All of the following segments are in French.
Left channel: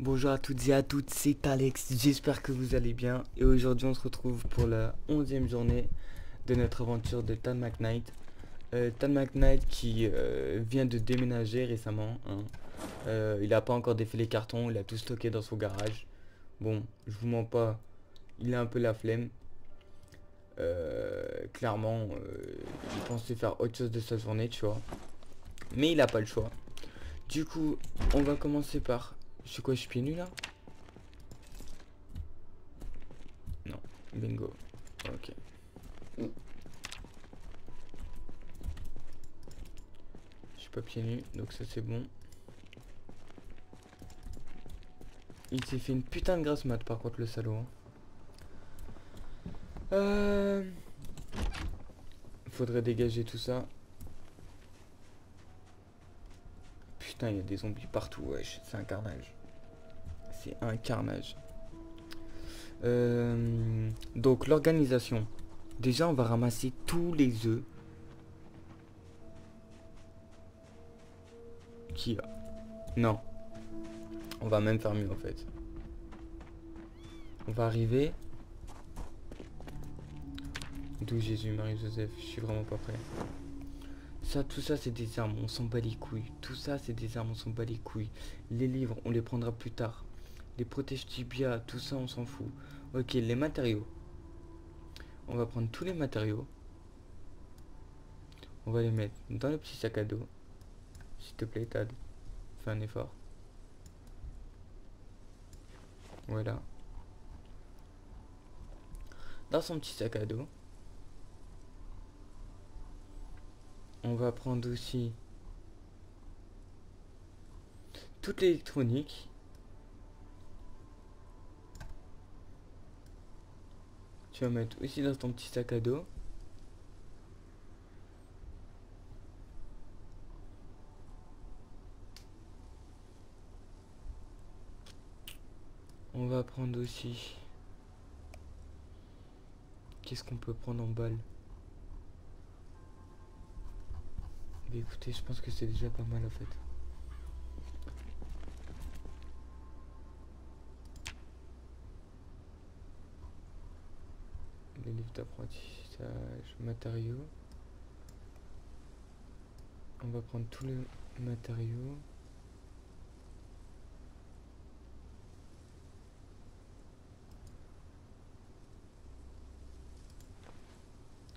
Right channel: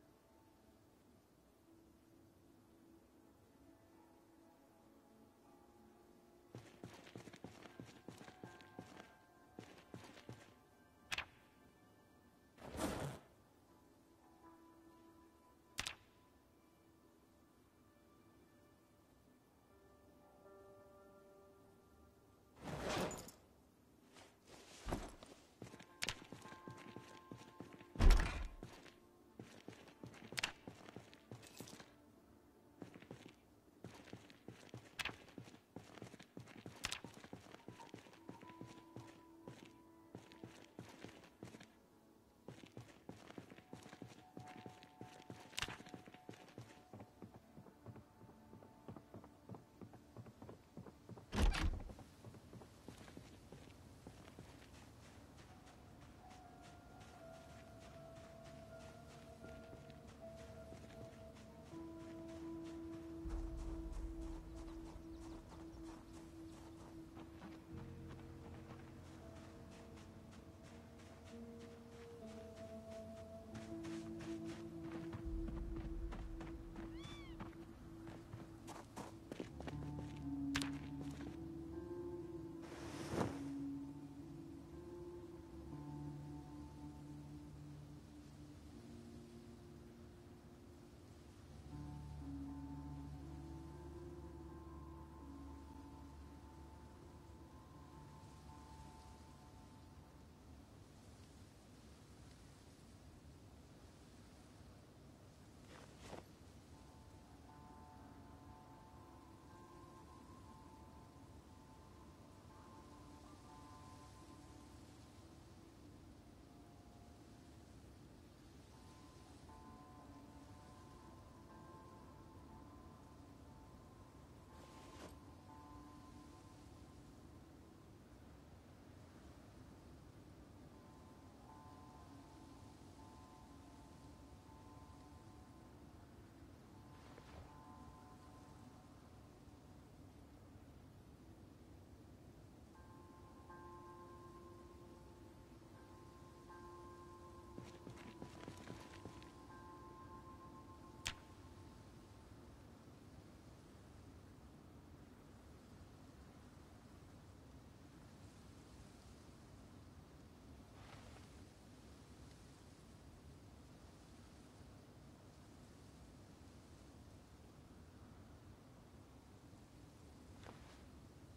Bonjour à toutes et à toutes, c'est Alex, j'espère que vous allez bien. Et aujourd'hui on se retrouve pour la 11e journée de notre aventure de Tan McKnight. Tan McKnight qui vient de déménager récemment, hein. Il n'a pas encore défait les cartons, il a tout stocké dans son garage. Bon, je vous mens pas, il a un peu la flemme. Clairement, il pensait faire autre chose de sa journée, tu vois. Mais il n'a pas le choix. Du coup, on va commencer par... Je suis quoi, je suis pieds nus là? Non, bingo. Ok. Je suis pas pieds nus, donc ça c'est bon. Il s'est fait une putain de grasse mat par contre le salaud, hein. Faudrait dégager tout ça. Putain, il y a des zombies partout, wesh. C'est un carnage. C'est un carnage. Donc l'organisation. Déjà on va ramasser tous les œufs qu'il y a. Non. On va même faire mieux en fait. On va arriver. D'où Jésus, Marie, Joseph, je suis vraiment pas prêt. Ça, tout ça c'est des armes, on s'en bat les couilles. Tout ça c'est des armes, on s'en bat les couilles. Les livres, on les prendra plus tard. Les protèges tibia, tout ça on s'en fout. Ok, les matériaux. On va prendre tous les matériaux. On va les mettre dans le petit sac à dos. S'il te plaît, Tad, fais un effort. Voilà. Dans son petit sac à dos. On va prendre aussi toute l'électronique. Tu vas mettre aussi dans ton petit sac à dos. On va prendre aussi... Qu'est-ce qu'on peut prendre en balle? Mais écoutez, je pense que c'est déjà pas mal en fait. Les livres d'apprentissage, matériaux. On va prendre tous les matériaux.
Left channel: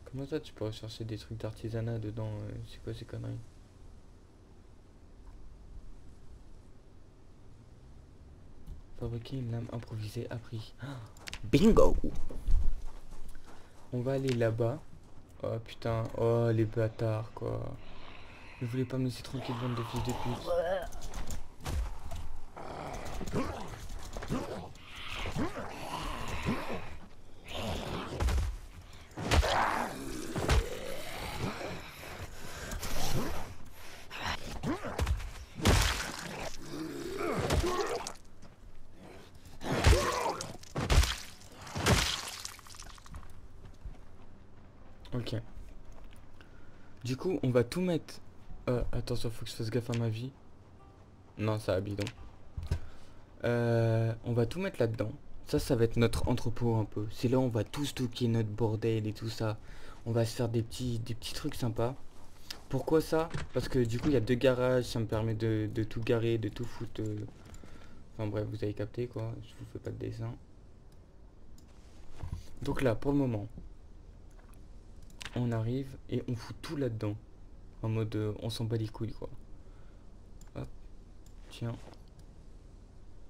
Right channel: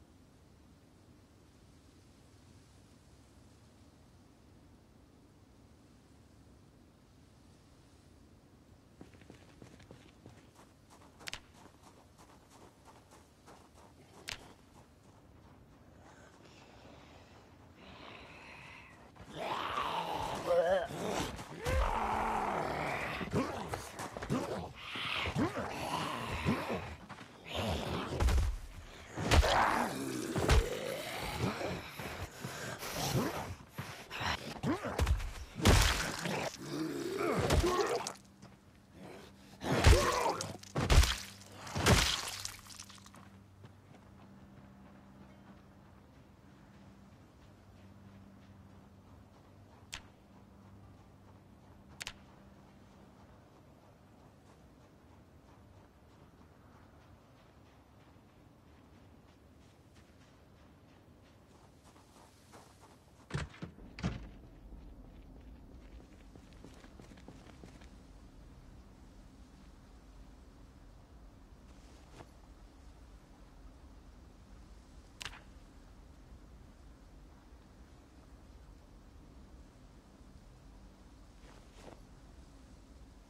Comment ça tu peux rechercher des trucs d'artisanat dedans? C'est quoi ces conneries? Fabriquer une lame improvisée à prix. Bingo! On va aller là-bas. Oh putain, oh les bâtards quoi. Vous voulez pas me laisser tranquille, bande de fils de pute. Ok. Du coup, on va tout mettre. Attention, faut que je fasse gaffe à ma vie. Non, ça a bidon. On va tout mettre là-dedans. Ça va être notre entrepôt un peu. C'est là où on va tout stocker notre bordel et tout ça. On va se faire des petits trucs sympas. Pourquoi ça? Parce que du coup, il y a deux garages. Ça me permet de tout garer, de tout foutre. Enfin bref, vous avez capté quoi. Je vous fais pas de dessin. Donc là, pour le moment, on arrive et on fout tout là-dedans. En mode, on s'en bat les couilles quoi. Hop, tiens.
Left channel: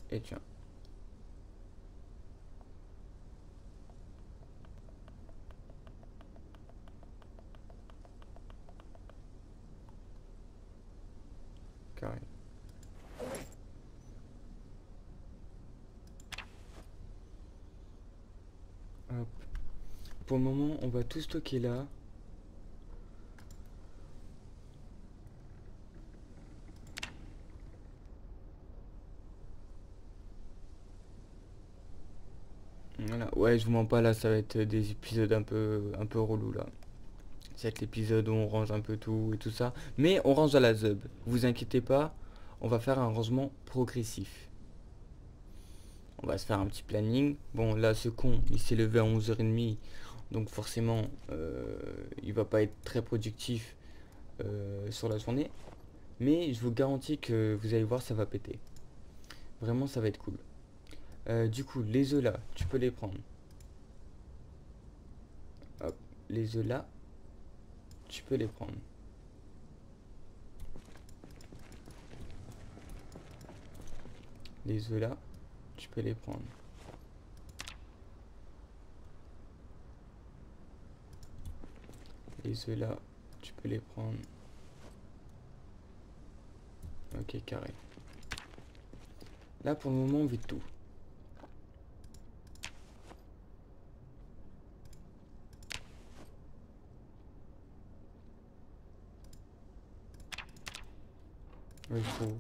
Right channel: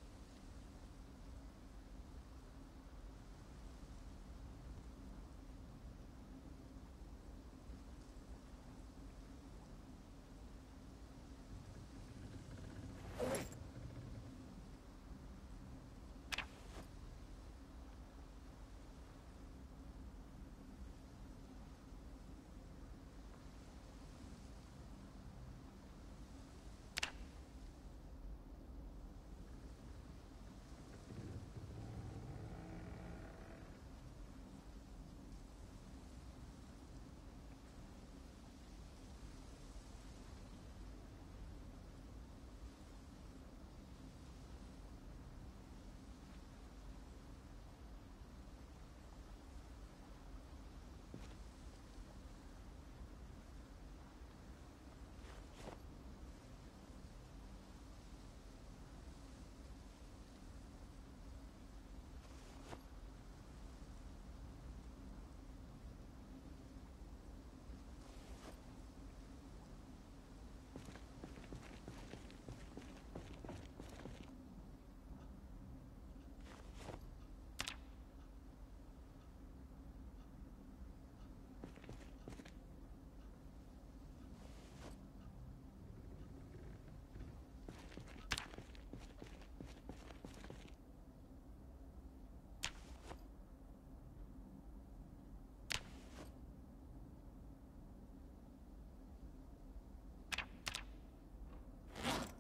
Et tiens. Carré. Hop. Pour le moment, on va tout stocker là. Voilà. Ouais, je vous mens pas là, ça va être des épisodes un peu relous là. Ça va être l'épisode où on range un peu tout et tout ça. Mais on range à la zeub. Vous inquiétez pas, on va faire un rangement progressif. On va se faire un petit planning. Bon, là, ce con, il s'est levé à 11h30. Donc forcément, il va pas être très productif sur la journée. Mais je vous garantis que vous allez voir, ça va péter. Vraiment, ça va être cool. Du coup, les œufs là, tu peux les prendre. Hop, les œufs là, tu peux les prendre. Les œufs là, tu peux les prendre. Les œufs là, tu peux les prendre. Ok, carré. Là, pour le moment, on vide tout.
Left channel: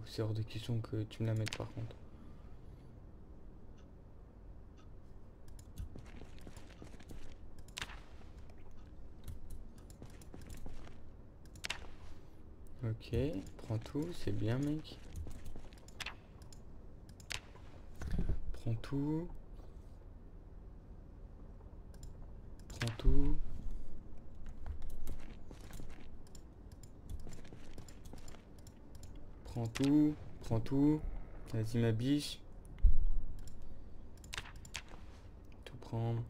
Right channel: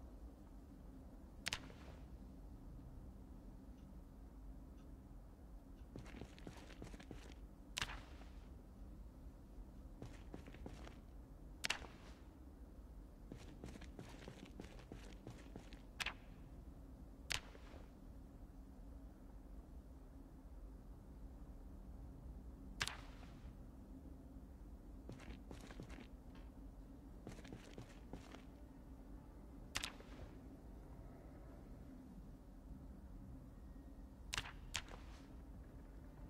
C'est hors de question que tu me la mettes par contre. Ok, prends tout, c'est bien mec. Prends tout. Prends tout. Prends tout. Prends tout. Vas-y ma biche. Tout prendre.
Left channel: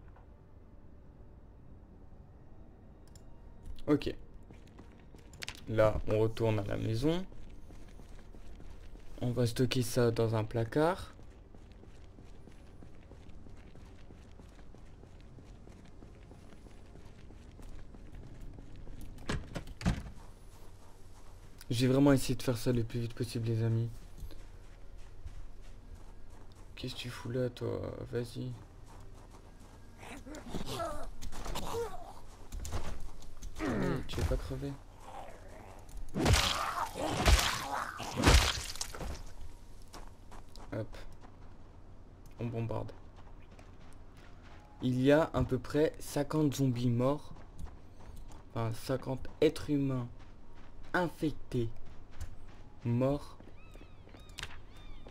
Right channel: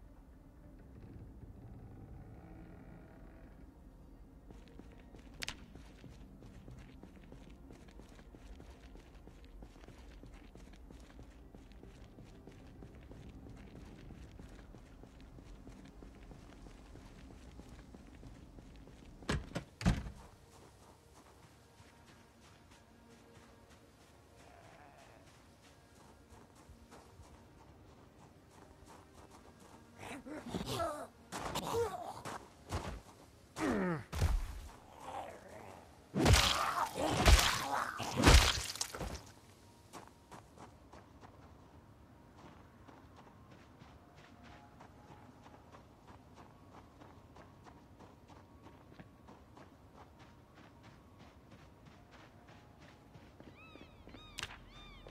Ok. Là, on retourne à la maison. On va stocker ça dans un placard. J'ai vraiment essayé de faire ça le plus vite possible les amis. Qu'est-ce que tu fous là toi? Vas-y. Tu veux pas crever? Hop. On bombarde. Il y a à peu près 50 zombies morts. Enfin 50 êtres humains infectés morts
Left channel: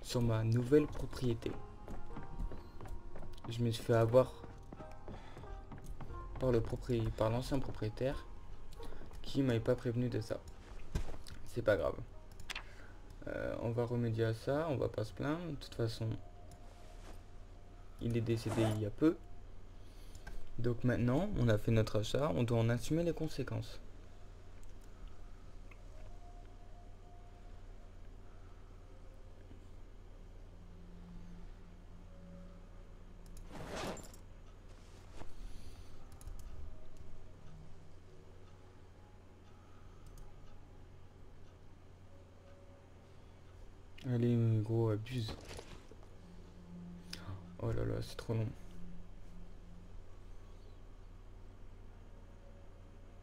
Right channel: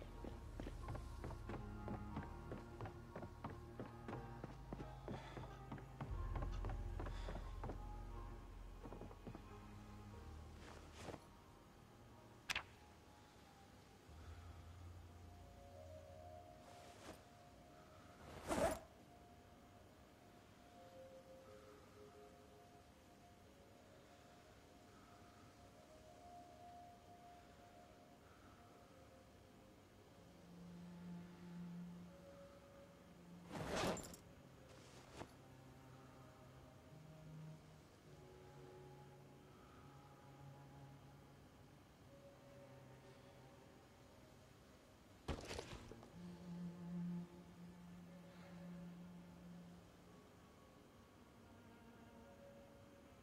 sur ma nouvelle propriété. Je me suis fait avoir par l'ancien propriétaire qui m'avait pas prévenu de ça. C'est pas grave. On va remédier à ça, on va pas se plaindre. De toute façon, il est décédé il y a peu. Donc maintenant, on a fait notre achat, on doit en assumer les conséquences. Allez, gros, abuse. Oh là là, c'est trop long.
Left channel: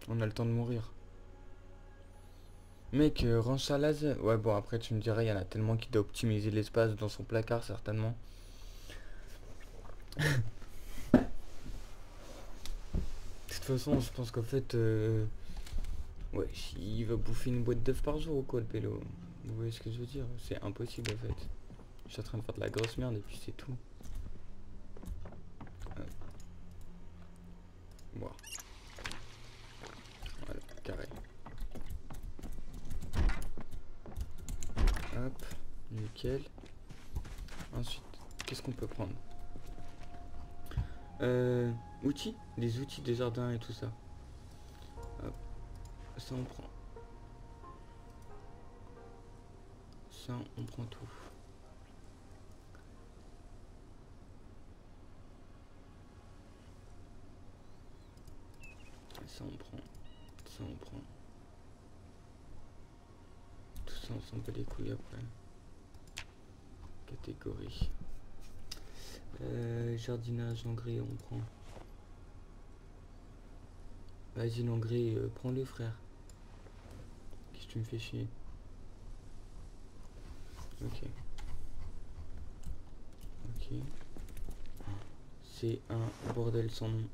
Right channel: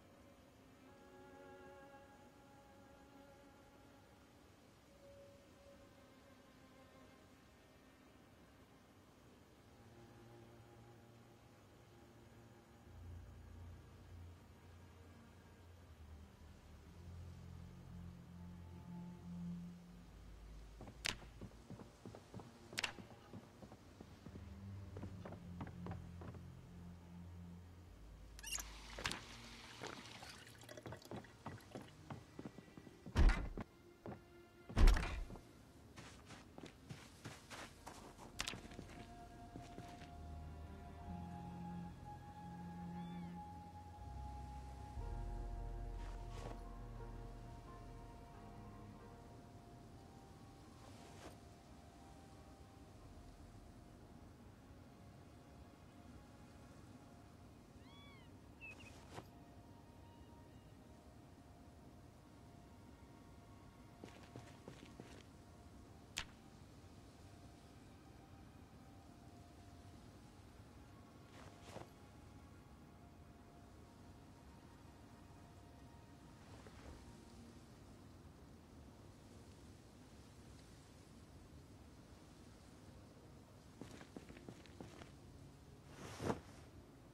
On a le temps de mourir. Mec, range ça laser. Ouais, bon, après, tu me dirais, il y en a tellement qui doit optimiser l'espace dans son placard, certainement. De toute façon, je pense qu'en fait, ouais, il va bouffer une boîte d'œufs par jour ou quoi, le pélo? Vous voyez ce que je veux dire? C'est impossible, en fait. Je suis en train de faire de la grosse merde et puis c'est tout. Bon. Voilà, carré. Hop, nickel. Ensuite, qu'est-ce qu'on peut prendre? Outils, les outils des jardins et tout ça. Hop, ça on prend. Ça on prend tout. Ça on prend. Ça on prend. Tout ça on s'en bat les couilles après. Catégorie. Jardinage, engrais on prend. Vas-y l'engrais, prends-le frère. Qu'est-ce que tu me fais chier? Ok. Ok. C'est un bordel sans nom.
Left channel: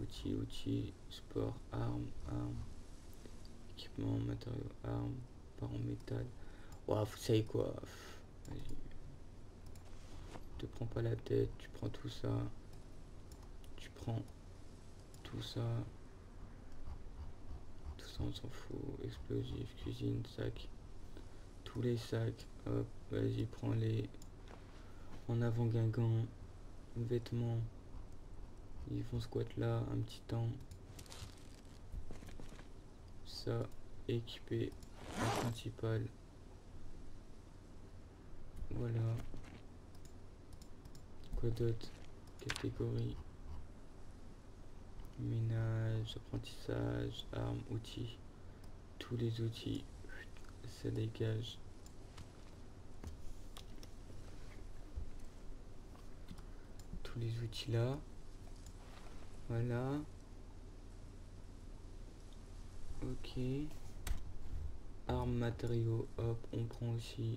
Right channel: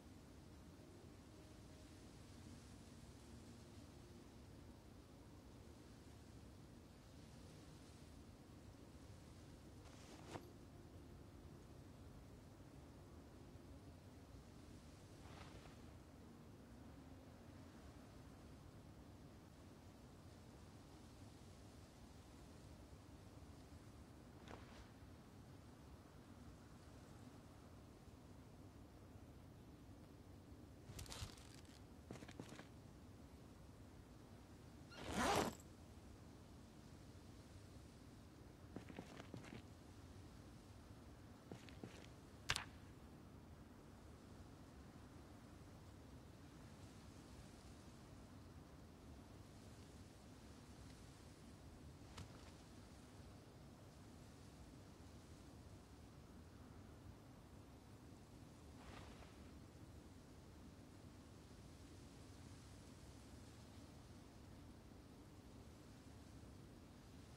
Outils, outils, sport, armes, armes, équipement, matériaux, armes, part en métal. Ouah, vous savez quoi? Vas-y. te prends pas la tête, tu prends tout ça. Tu prends tout ça. Tout ça on s'en fout. Explosif, cuisine, sac. Tous les sacs. Hop, vas-y, prends-les. En avant Guingamp. Vêtements. Ils vont squat là un petit temps. Ça, équipé. Principal. Voilà. Quoi d'autre? Catégorie. Ménage, apprentissage, armes, outils. Tous les outils. Ça dégage. Tous les outils là. Voilà. Ok. Armes, matériaux, hop, on prend aussi.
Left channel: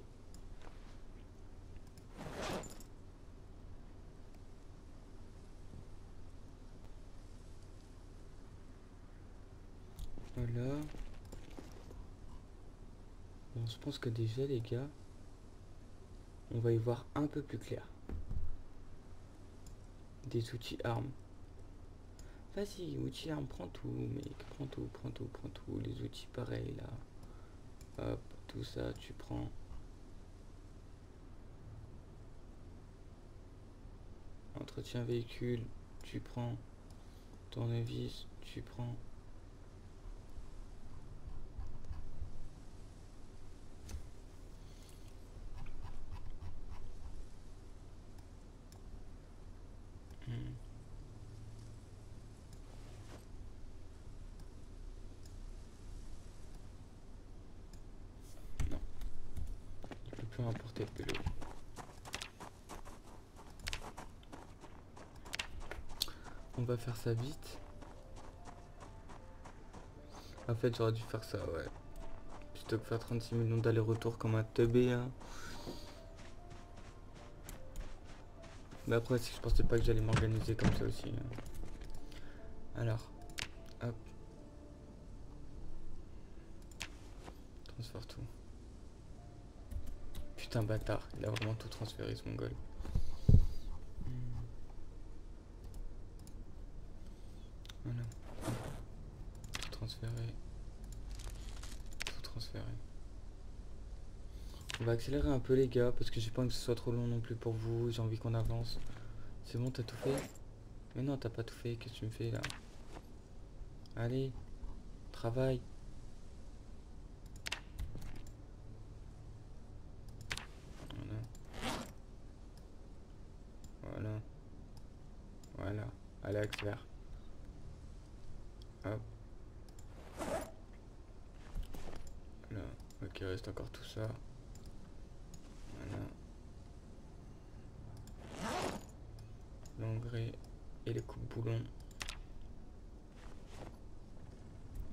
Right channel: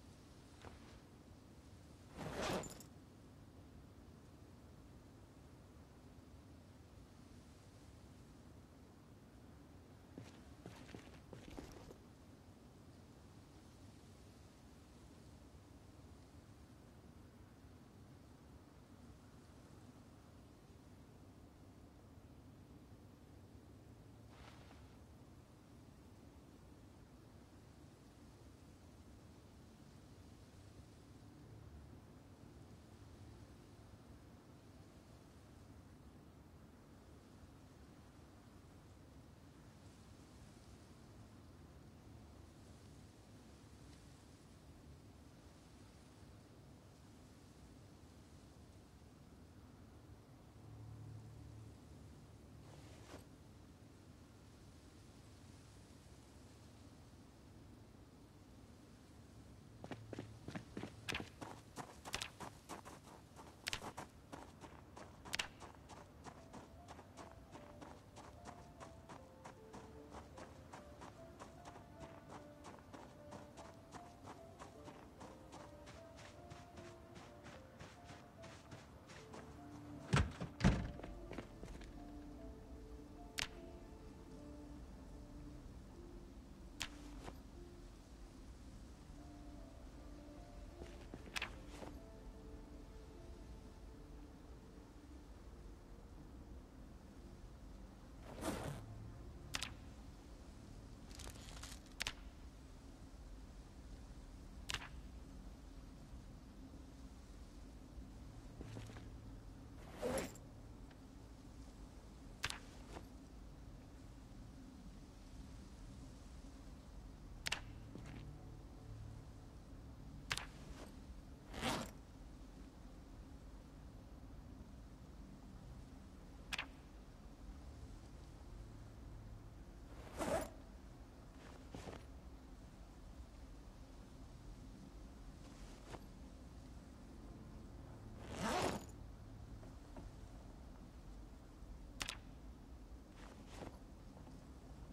Voilà. Bon, je pense que déjà les gars, on va y voir un peu plus clair. Des outils armes. Vas-y, outils armes, prends tout, mec. Prends tout, prends tout, prends tout. Les outils pareils là. Hop, tout ça, tu prends. Entretien véhicule, tu prends. Tournevis, tu prends. Non, il peut importer le vélo. On va faire ça vite. En fait, j'aurais dû faire ça, ouais. Plutôt que faire 36 millions d'allers-retours comme un teubé, hein. Mais après, si je pensais pas que j'allais m'organiser comme ça aussi, hein. Alors, hop. Transfère tout. Putain, bâtard, il a vraiment tout transféré, ce mongol. Voilà. Tout transféré. Tout transféré. On va accélérer un peu, les gars, parce que j'ai pas envie que ce soit trop long non plus pour vous. J'ai envie qu'on avance. C'est bon, t'as tout fait? Mais non, t'as pas tout fait. Qu'est-ce que tu me fais là? Allez, travaille. Voilà. Voilà. Voilà. Allez, accélère. Hop. Là. Ok, reste encore tout ça. Voilà. L'engrais et les coupes boulons.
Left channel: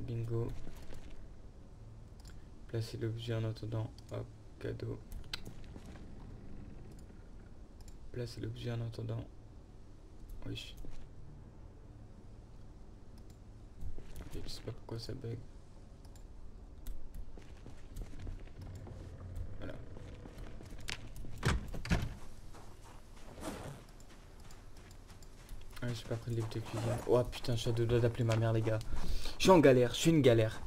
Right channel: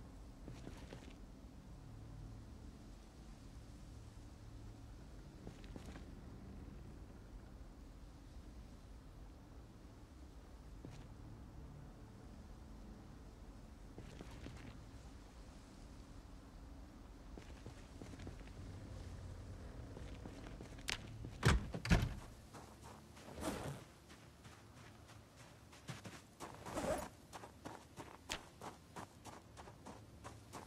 Bingo. Placer l'objet en attendant. Hop, cadeau. Placer l'objet en attendant. Oui. Je sais pas pourquoi ça bug. Voilà. Ah, j'ai pas pris le livre de cuisine. Oh putain, je suis à deux doigts d'appeler ma mère, les gars. Je suis en galère, je suis une galère.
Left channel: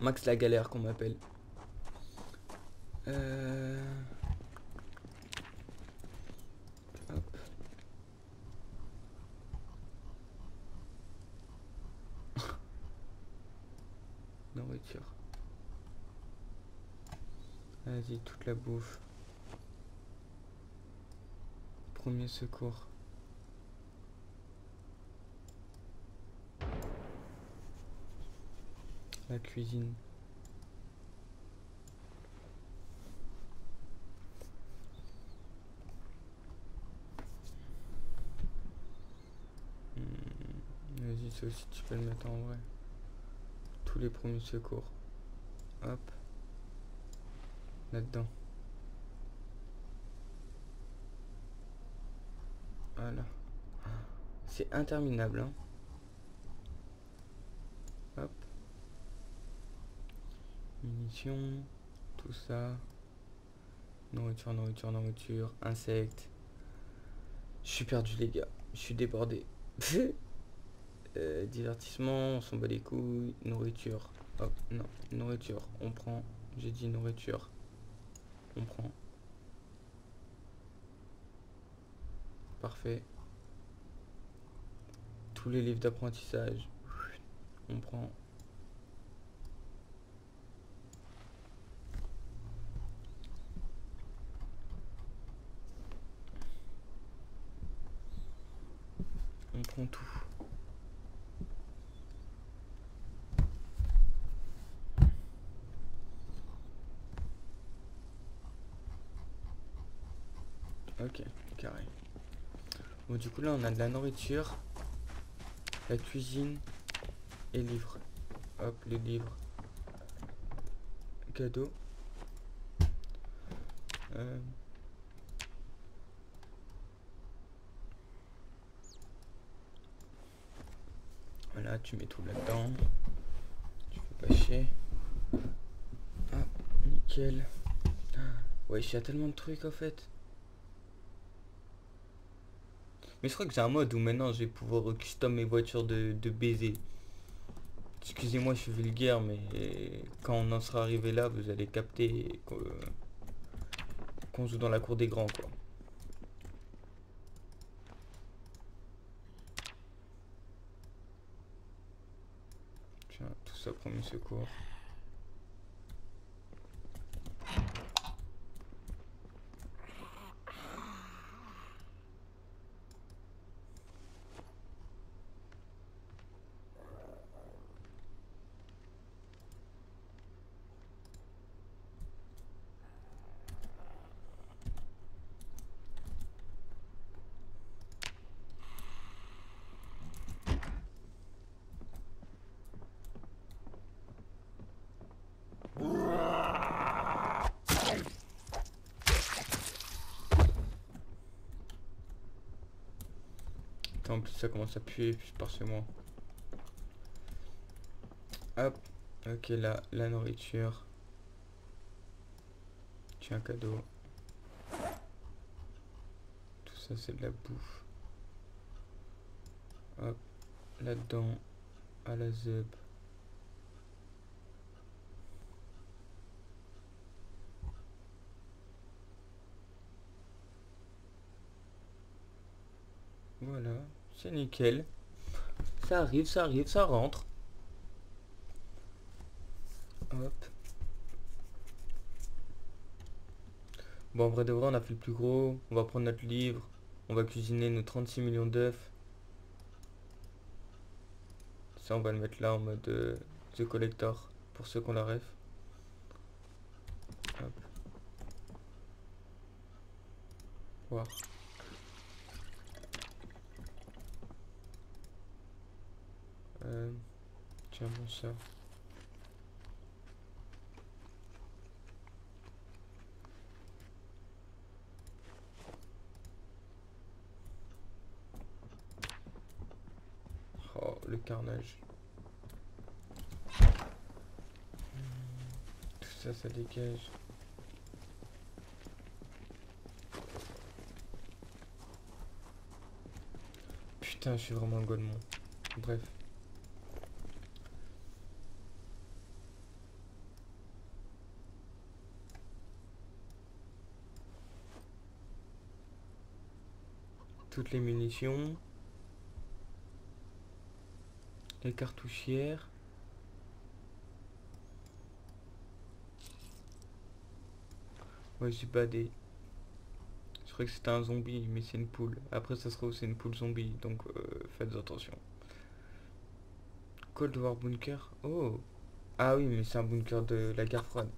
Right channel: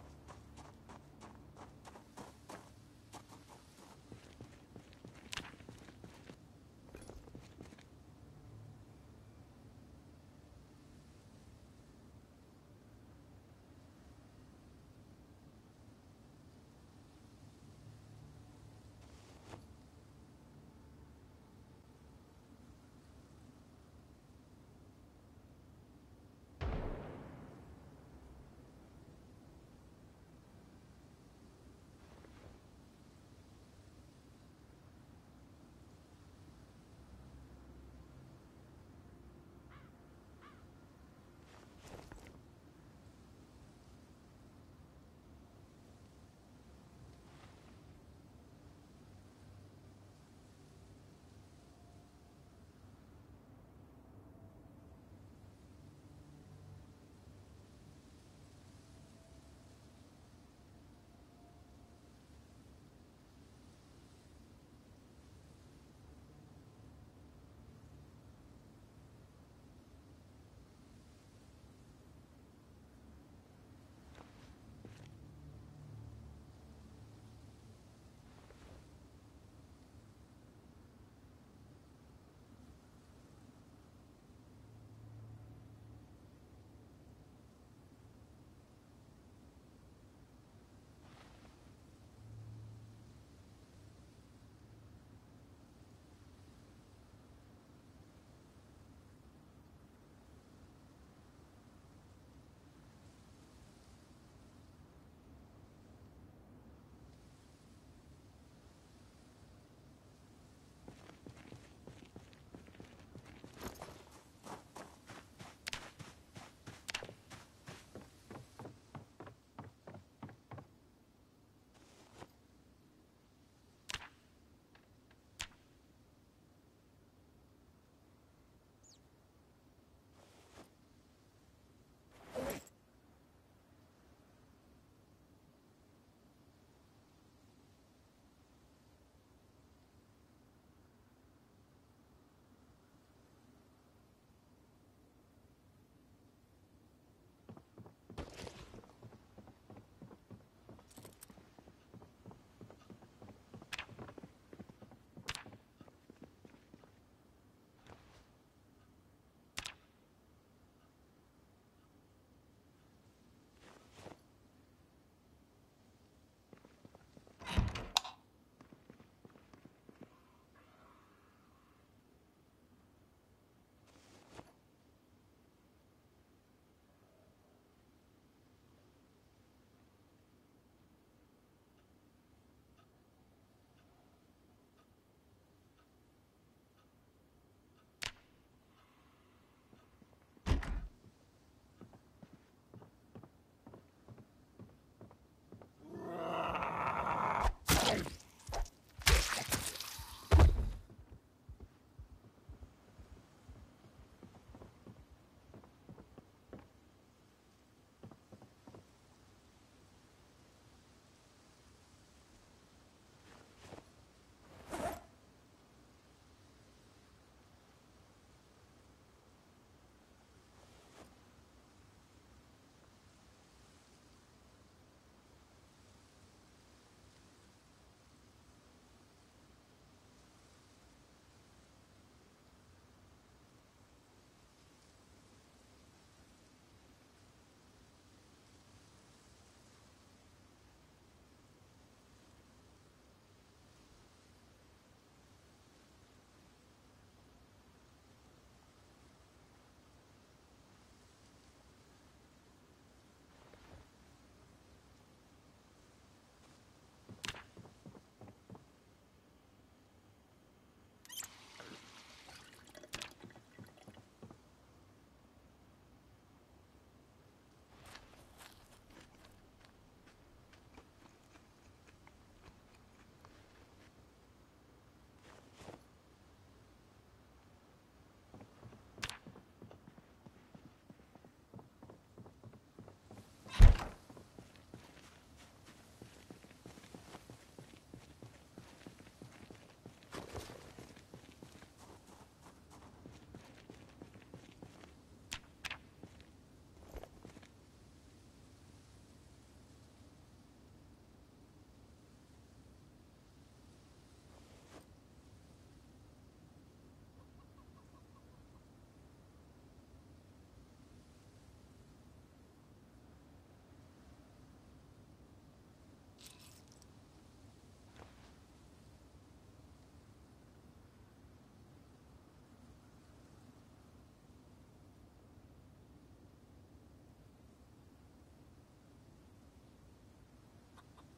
Max la galère qu'on m'appelle. Hop. Nourriture. Vas-y, toute la bouffe. Premier secours. La cuisine. Vas-y, ça aussi tu peux le mettre en vrai. Tous les premiers secours. Hop. Là-dedans. Voilà. C'est interminable, hein. Hop. Munitions. Tout ça. Nourriture, nourriture, nourriture. Insectes. Je suis perdu les gars, je suis débordé. Divertissement, on s'en bat les couilles. Nourriture. Hop, non, nourriture, on prend. J'ai dit nourriture. On prend. Parfait. Tous les livres d'apprentissage. On prend. On prend tout. Ok, carré. Bon, du coup, là, on a de la nourriture, la cuisine et livres. Hop, les livres. Cadeau. Euh, voilà, tu mets tout là-dedans. Tu fais pas chier. Ah, nickel. Ouais, il y a tellement de trucs en fait. Mais je crois que j'ai un mode où maintenant je vais pouvoir custom mes voitures de baiser. Excusez-moi, je suis vulgaire, mais quand on en sera arrivé là, vous allez capter qu'on joue dans la cour des grands, quoi. Tiens, tout ça, premier secours. Attends, en plus ça commence à puer, puis je pars chez moi. Hop, ok, là, la nourriture. Tu as un cadeau. Tout ça, c'est de la bouffe. Hop, là-dedans, à la zeb. Voilà, c'est nickel. Ça arrive, ça rentre. Hop. Bon, en vrai de vrai, on a fait le plus gros. On va prendre notre livre. On va cuisiner nos 36 millions d'œufs. Ça, on va le mettre là en mode The Collector. Pour ceux qui ont la ref. Hop. Voir. Tiens, bon ça. Oh, le carnage. Tout ça, ça dégage. Putain, je suis vraiment un golemon. Bref. Toutes les munitions. Les cartouchières. Ouais, j'ai badé. Je croyais que c'était un zombie, mais c'est une poule. Après, ça se trouve, c'est une poule zombie, donc faites attention. Cold War Bunker. Oh. Ah oui, mais c'est un bunker de la guerre froide.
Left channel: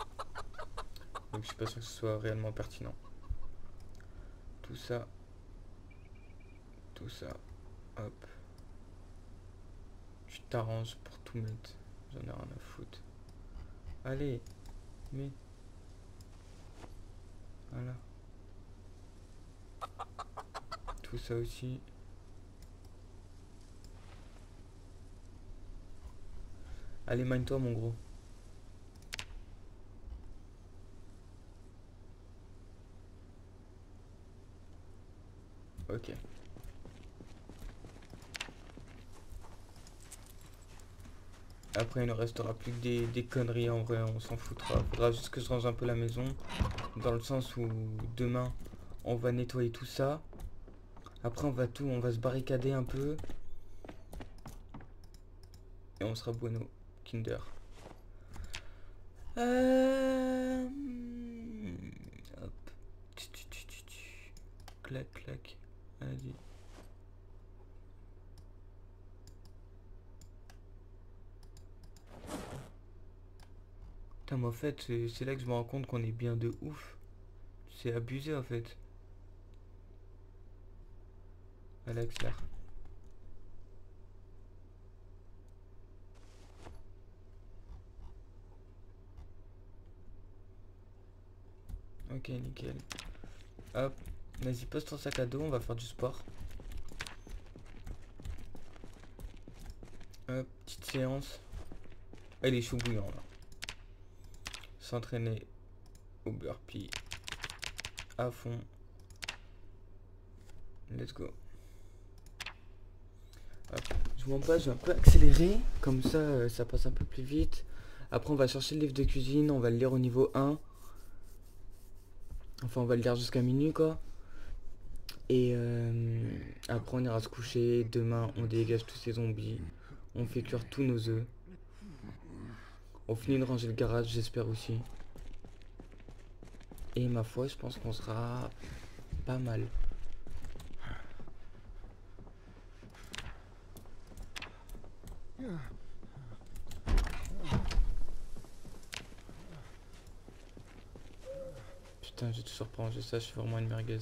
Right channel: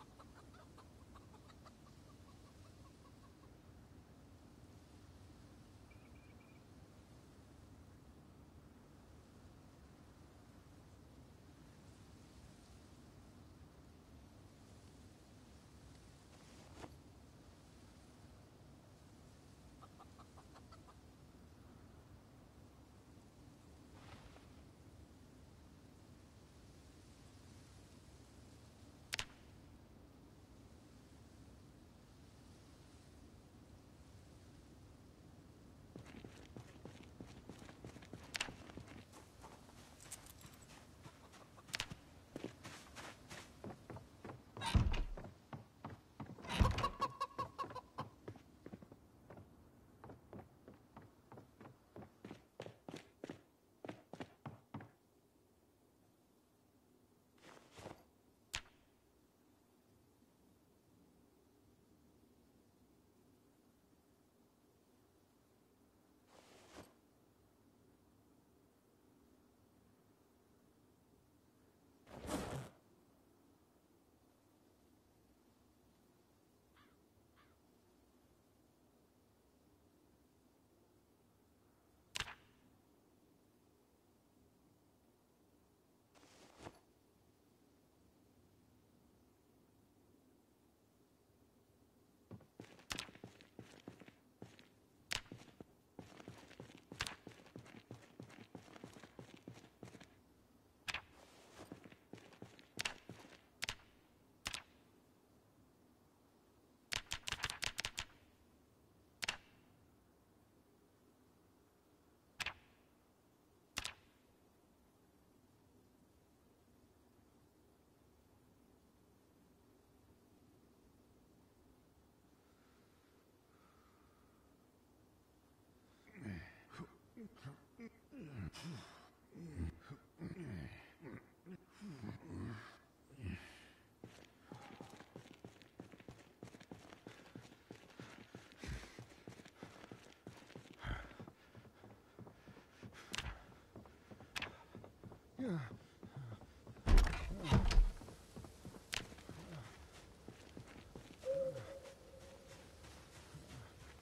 Donc je suis pas sûr que ce soit réellement pertinent. Tout ça. Tout ça. Hop. Tu t'arranges pour tout mettre. J'en ai rien à foutre. Allez. Mais. Voilà. Tout ça aussi. Allez, mine-toi, mon gros. Ok. Après, il ne restera plus que des conneries, en vrai, on s'en foutra. Faudra juste que je range un peu la maison, dans le sens où demain, on va nettoyer tout ça. Après, on va se barricader un peu. Et on sera bueno, Kinder. Hop. Clac, clac. Vas-y. Putain, mais en fait, c'est là que je me rends compte qu'on est bien de ouf. C'est abusé, en fait. Voilà, accélère. Ok, nickel. Hop. Vas-y, pose ton sac à dos, on va faire du sport. Hop, petite séance. Elle est chaud bouillant, là. S'entraîner au burpee. À fond. Let's go. Hop. Je vous montre pas, je vais un peu accélérer. Comme ça, ça passe un peu plus vite. Après, on va chercher le livre de cuisine. On va le lire au niveau 1. Enfin, on va le lire jusqu'à minuit, quoi. Et après, on ira se coucher. Demain, on dégage tous ces zombies. On fait cuire tous nos œufs. On finit de ranger le garage, j'espère aussi. Et ma foi, je pense qu'on sera pas mal. Putain, j'ai tout surprendre ça, je suis vraiment une merguez.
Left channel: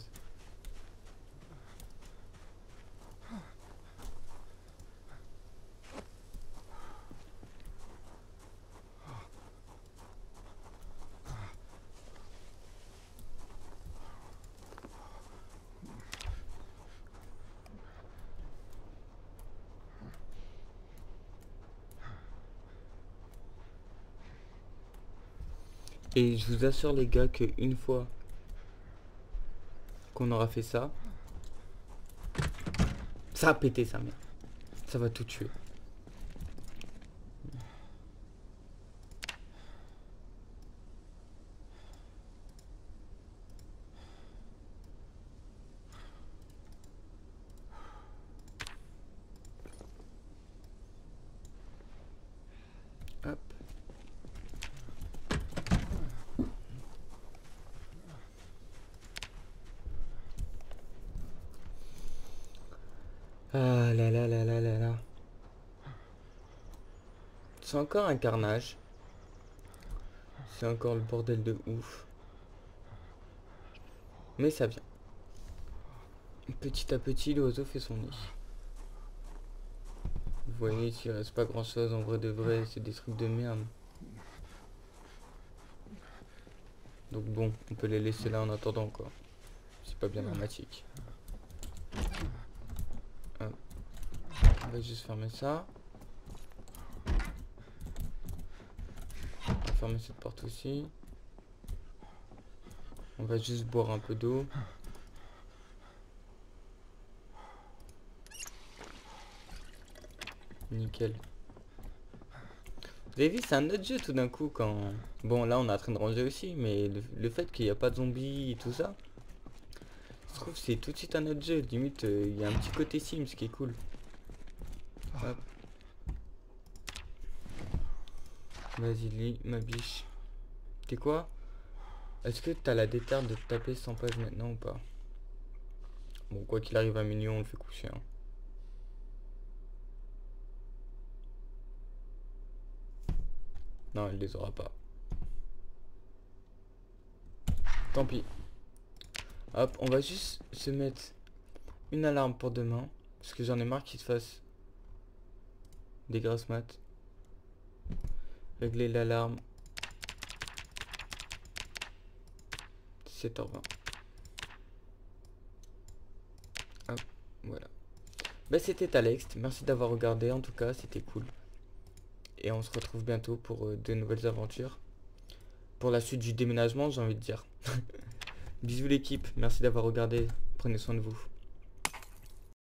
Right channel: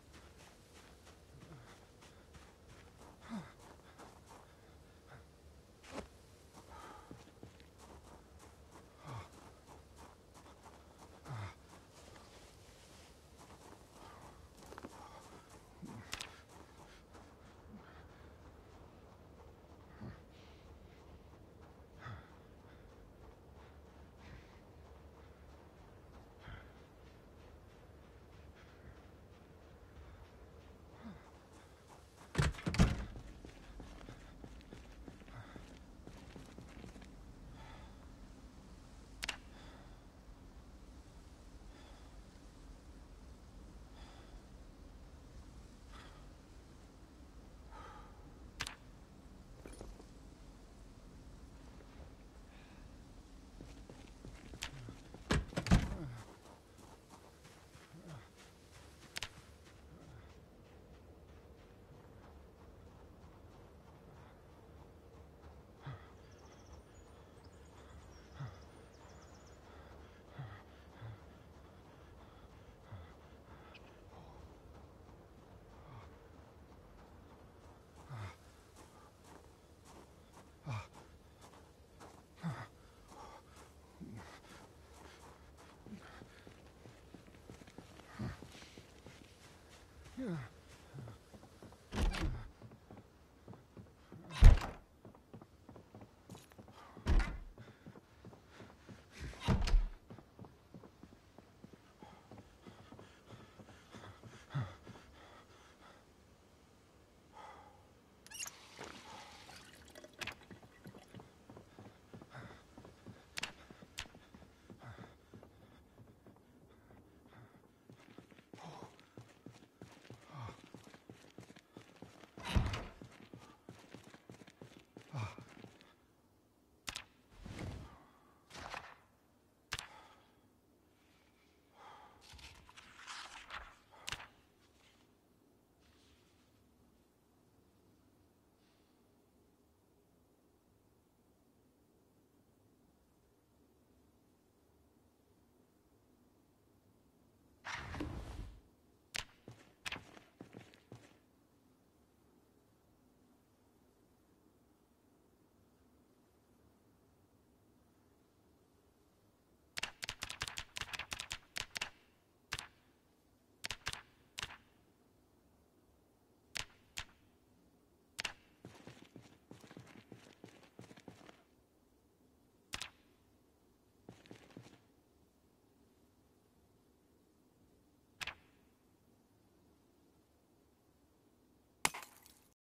Et je vous assure les gars que une fois qu'on aura fait ça, ça a pété sa mère. Ça va tout tuer. Hop. Ah là là là là là là. C'est encore un carnage. C'est encore le bordel de ouf. Mais ça vient. Petit à petit, l'oiseau fait son nid. Vous voyez, s'il reste pas grand chose en vrai de vrai, c'est des trucs de merde. Donc bon, on peut les laisser là en attendant quoi. C'est pas bien dramatique. Hop. On va juste fermer ça. Fermer cette porte aussi. On va juste boire un peu d'eau. Nickel. Vous avez vu, c'est un autre jeu tout d'un coup quand... Bon là on est en train de ranger aussi, mais le fait qu'il n'y a pas de zombies et tout ça, je trouve que c'est tout de suite un autre jeu. Limite, il y a un petit côté Sims qui est cool. Hop. Vas-y lis, ma biche. T'es quoi? Est-ce que t'as la déterre de te taper 100 pages maintenant ou pas? Bon, quoi qu'il arrive à minuit, on le fait coucher. Hein. Non, elle les aura pas. Tant pis. Hop, on va juste se mettre une alarme pour demain. Parce que j'en ai marre qu'il se fasse des grasses mat. Régler l'alarme. 17h20. Hop, voilà. Bah c'était Alex, merci d'avoir regardé, en tout cas c'était cool. Et on se retrouve bientôt pour de nouvelles aventures. Pour la suite du déménagement, j'ai envie de dire. Bisous l'équipe, merci d'avoir regardé, prenez soin de vous.